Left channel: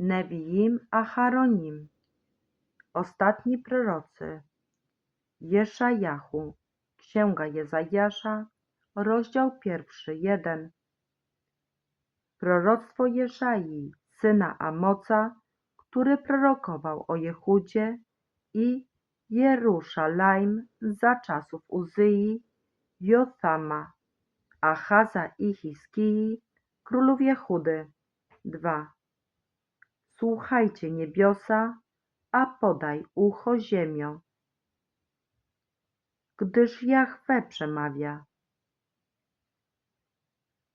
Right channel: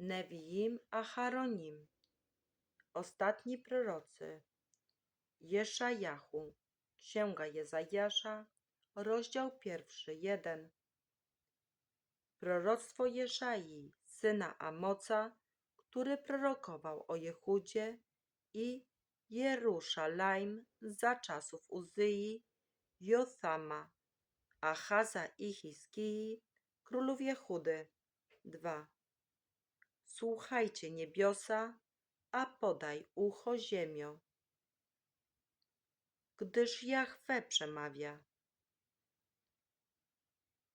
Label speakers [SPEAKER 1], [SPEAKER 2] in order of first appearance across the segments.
[SPEAKER 1] Neviim Acharonim, ostatni prorocy, Jeszajahu, Księga Jezajasza, rozdział pierwszy, jeden. Proroctwo Jeszai, syna Amoca, który prorokował o Jehudzie i Jeruszalaim za czasów Uzyi, Jothama, Achaza i Hiskii, królów Jehudy. 2. Słuchajcie niebiosa, a podaj ucho ziemio, gdyż Jahwe przemawia.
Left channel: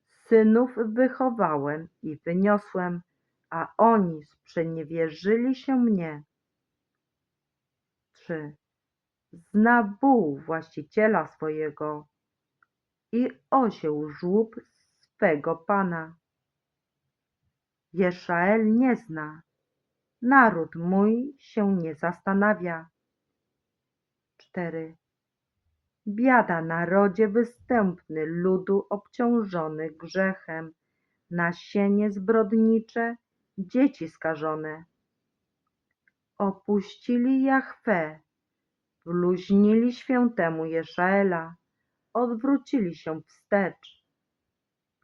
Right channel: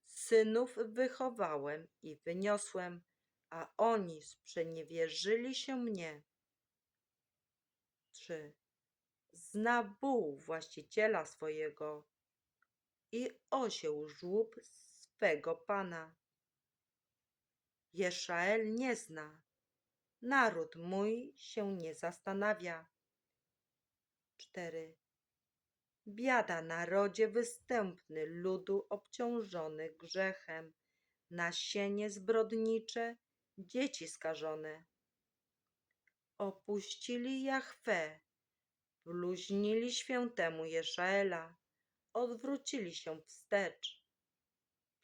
[SPEAKER 1] Synów wychowałem i wyniosłem, a oni sprzeniewierzyli się mnie. 3. Zna właściciela swojego i osioł żłób swego Pana. Jeszael nie zna, naród mój się nie zastanawia. 4. Biada narodzie występny ludu obciążony grzechem, nasienie zbrodnicze, dzieci skażone. Opuścili Jahwe, bluźnili świętemu Jeszaela, odwrócili się wstecz.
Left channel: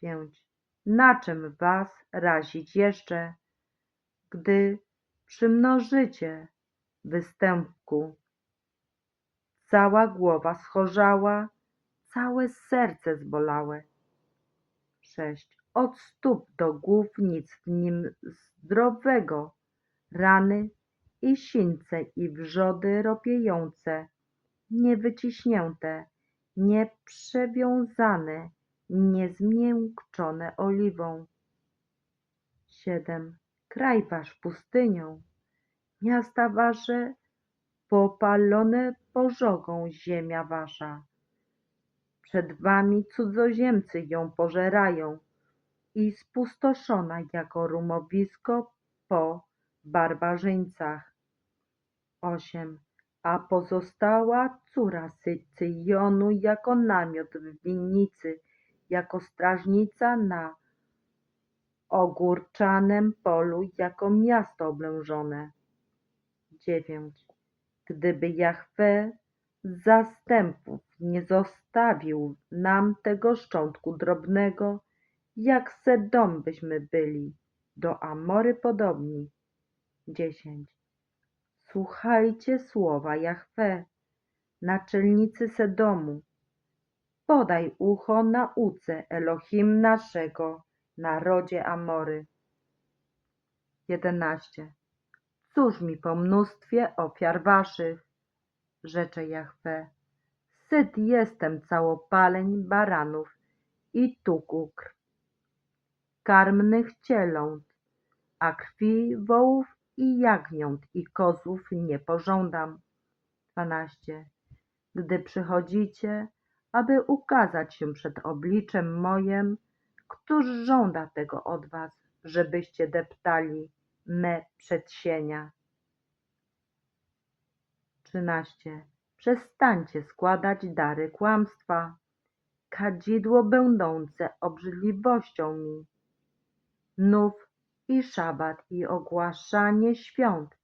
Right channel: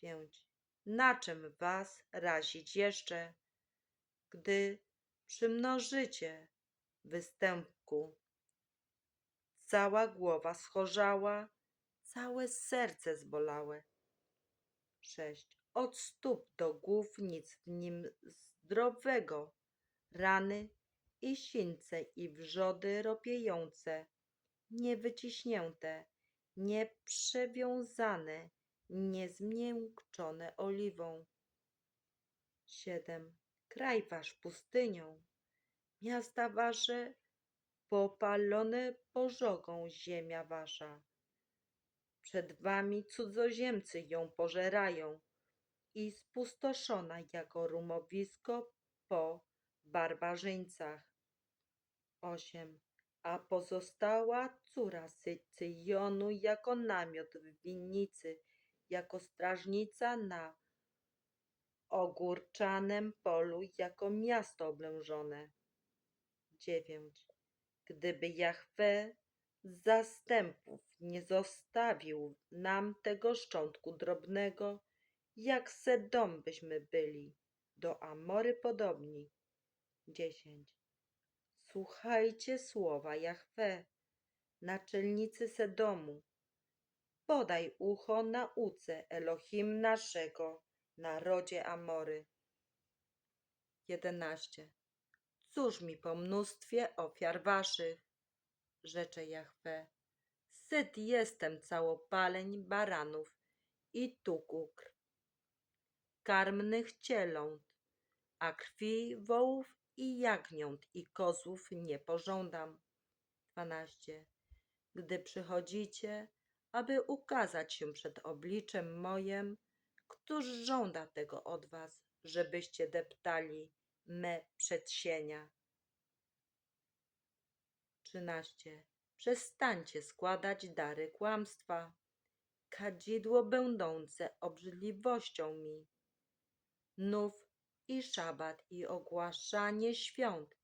[SPEAKER 1] 5. Na czym was razić jeszcze, gdy przymnożycie występku? Cała głowa schorzała, całe serce zbolałe. 6. Od stóp do głów nic w nim zdrowego, rany i sińce i wrzody ropiejące, niewyciśnięte, nieprzewiązane, niezmiękczone oliwą. 7. Kraj wasz pustynią, miasta wasze popalone pożogą ziemia wasza. Przed wami cudzoziemcy ją pożerają i spustoszona jako rumowisko po barbarzyńcach. 8. A pozostała córa Sycyjonu jako namiot w winnicy, jako strażnica na ogórczanem polu, jako miasto oblężone. 9. Gdyby Jahwe z zastępów nie zostawił nam tego szczątku drobnego, jak Sedom byśmy byli, do Amory podobni. 10. Słuchajcie słowa Jahwe, naczelnicy Sedomu. Podaj ucho nauce Elohim naszego, narodzie Amory. 11. Cóż mi po mnóstwie ofiar waszych, rzecze Jahwe. Syt jestem całopaleń baranów i tukukr, karmnych cieląt, a krwi wołów i jagniąt i kozłów nie pożądam. 12. Gdy przychodzicie, aby ukazać się przed obliczem mojem, któż żąda tego od was, żebyście deptali me przedsienia? 13. Przestańcie składać dary kłamstwa, kadzidło będące obrzydliwością mi. Nów i szabat i ogłaszanie świąt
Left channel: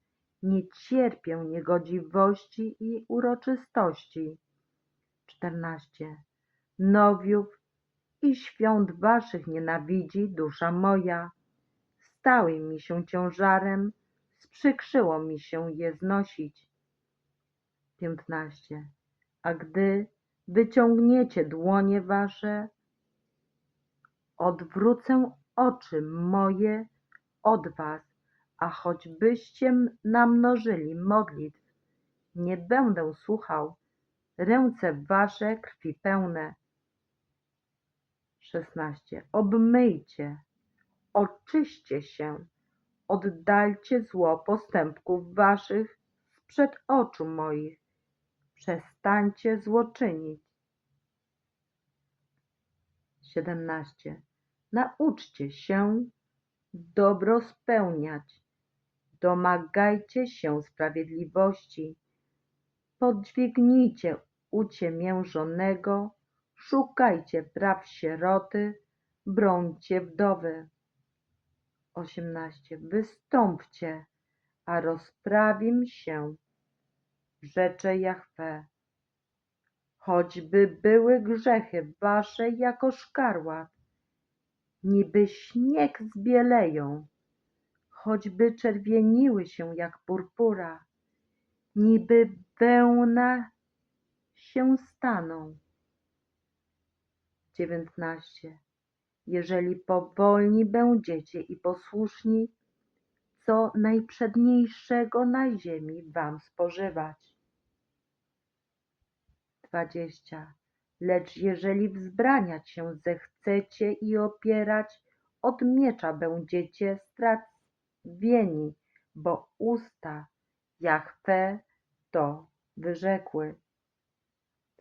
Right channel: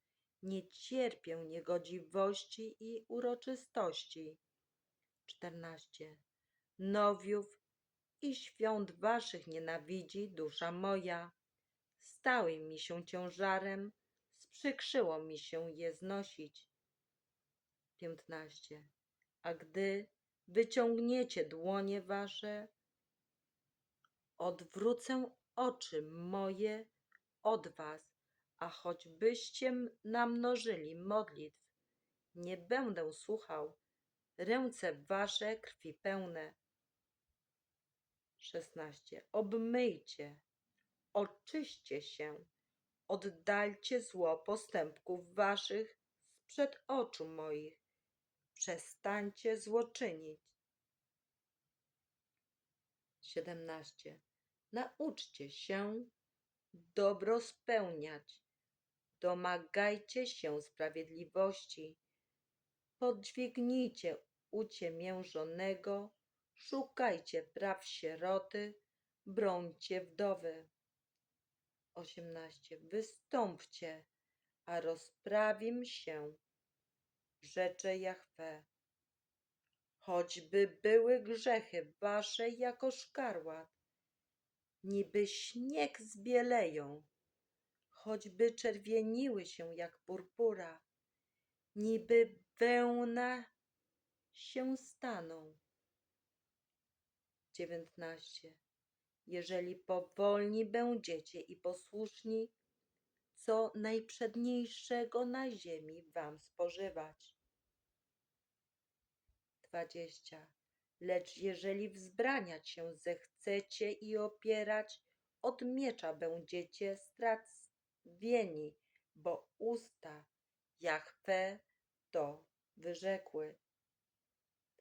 [SPEAKER 1] nie cierpię niegodziwości i uroczystości. 14. Nowiów i świąt waszych nienawidzi dusza moja. Stały mi się ciężarem, sprzykrzyło mi się je znosić. 15. A gdy wyciągniecie dłonie wasze, odwrócę oczy moje od was, a choćbyście namnożyli modlitw, nie będę słuchał, ręce wasze krwi pełne. 16. Obmyjcie, oczyście się, oddalcie zło postępków waszych sprzed oczu moich, przestańcie złoczynić. 17. Nauczcie się dobro spełniać, domagajcie się sprawiedliwości, podźwignijcie uciemiężonego, szukajcie praw sieroty, brońcie wdowy. osiemnaście. Wystąpcie, a rozprawim się, rzecze Jahwe. Choćby były grzechy wasze jako szkarłat, niby śnieg zbieleją, choćby czerwieniły się jak purpura, niby wełna się staną. dziewiętnaście. Jeżeli powolni będziecie i posłuszni, co najprzedniejszego na ziemi wam spożywać. dwadzieścia. Lecz jeżeli wzbraniać się zechcecie i opierać, od miecza będziecie strawieni, bo usta Jahwe to wyrzekły.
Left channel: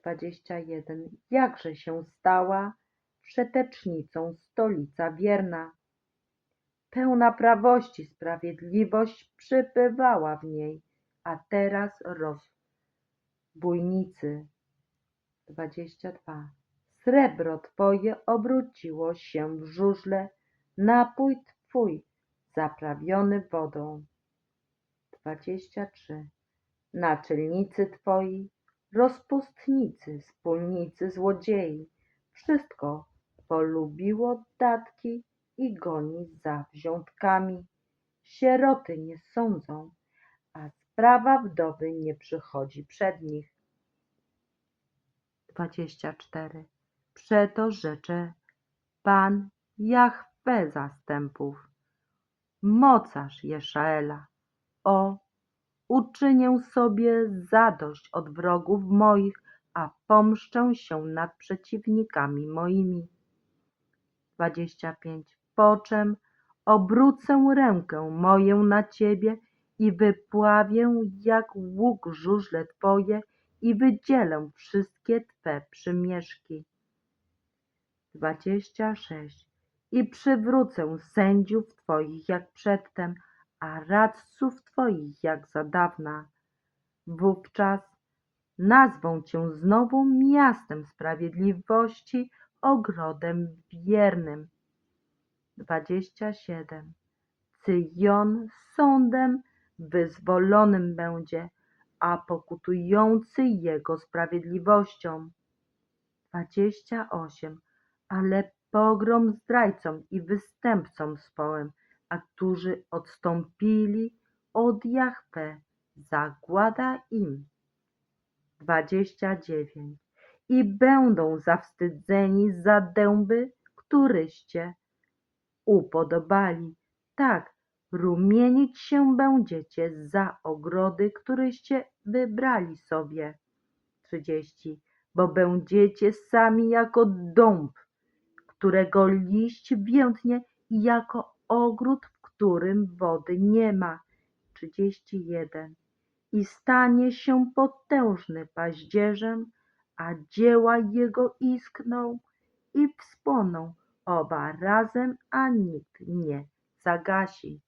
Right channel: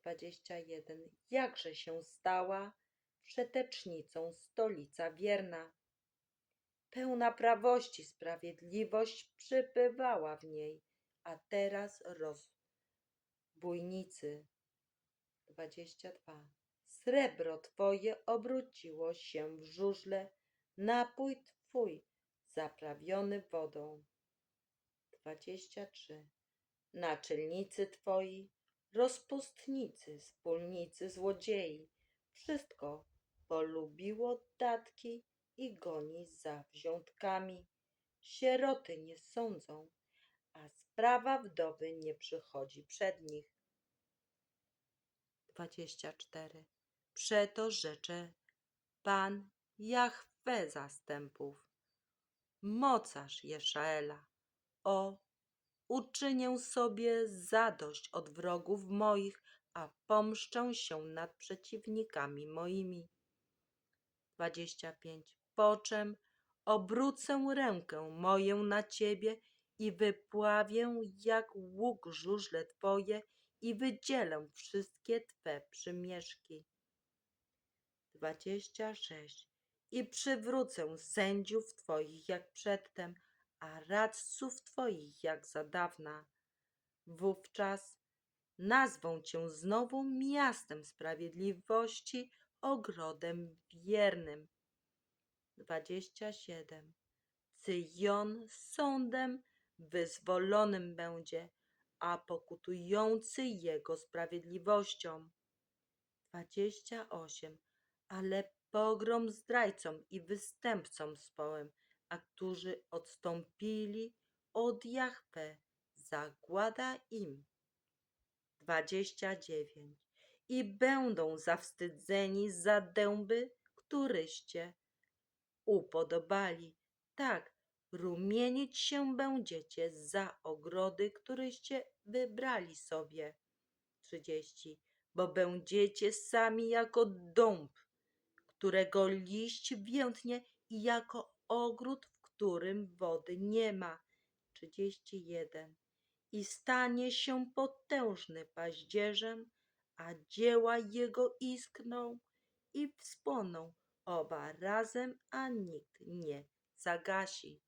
[SPEAKER 1] 21. Jakże się stała wszetecznicą stolica wierna. Pełna prawości, sprawiedliwość przypywała w niej, a teraz rozbójnicy. 22. Srebro twoje obróciło się w żużle, napój twój zaprawiony wodą. 23. Naczelnicy twoi, rozpustnicy, wspólnicy, złodziei, wszystko polubiło datki i goni za wziątkami. Sieroty nie sądzą, a sprawa wdowy nie przychodzi przed nich. 24. Przeto rzecze Pan Jahwe zastępów, mocarz Jeszaela, o, uczynię sobie zadość od wrogów moich, a pomszczę się nad przeciwnikami moimi. 25. Po czym obrócę rękę moją na ciebie i wypławię jak łuk żużle twoje i wydzielę wszystkie twe przymieszki. 26. I przywrócę sędziów twoich jak przedtem, a radców twoich jak za dawna. Wówczas nazwą cię znowu miastem sprawiedliwości, ogrodem wiernym. 27. Cyjon sądem wyzwolonym będzie, a pokutujący jego sprawiedliwością. 28. Ale pogrom zdrajcom i występcom społem, a którzy odstąpili od Jahwe, zagłada im. 29. I będą zawstydzeni za dęby, któryście upodobali. Tak, rumienić się będziecie za ogrody, któryście wybrali sobie. 30. Bo będziecie sami jako dąb, którego liść więdnie i jako ogród, w którym wody nie ma. 31. I stanie się potężny paździerzem, a dzieła jego iskną i wspłoną oba razem, a nikt nie zagasi.